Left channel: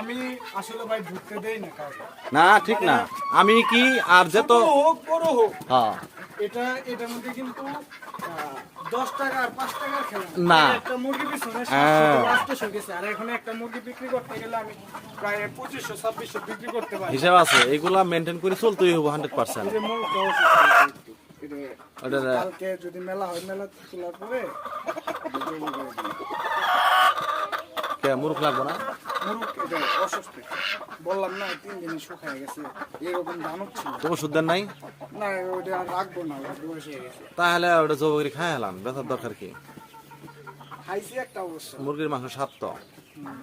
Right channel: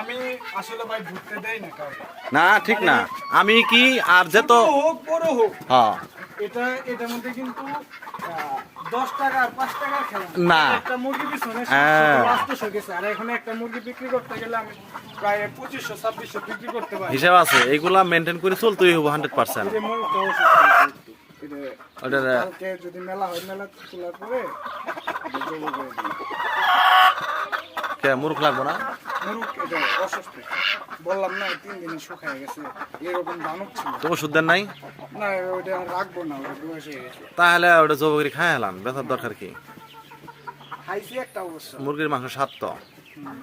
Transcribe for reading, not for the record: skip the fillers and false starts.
আমি আসলে ভাই ঢুকতে দেই না কাউকে। না ঠিক না, আমি কি আর যে তো হোক বড় হোক, হ্যাঁ এটার মধ্যে কিন্তু 10 টাকা আর 5 টাকার খেলা না। একটা মুরগি পিছনে হ্যাঁ। 800 গেছে, আর এখন একটা মুরগি বিক্রি করতে গেলে আমি প্রায় 2500-2600 বিক্রি করতে পারি। হিসাব আছে, এগুলা মেনটেন করে চলতেই হবো 100%। এই যে মুরগটা অসুস্থ, ওটার কালকে যদি মেলা হয়, মেলা খোলার পরে জবাই করে দিই। কে মুরুখ লাগবো না? মুরগ এটা অসুস্থ, বললাম না 3 দিনে শুকায় গেছে, এরকম দানব ছিল। তো ওষুধ দেন নাই? না ওইটা আর রাখবো না, ওটা বয়স হয়ে গেছে। তাহলে ওটা জব করে খাই হেলান, ব্যথার দরকার কি? খাইছি একটা অবশ্য। মুরগির মাংস স্বাদ তো। হুম।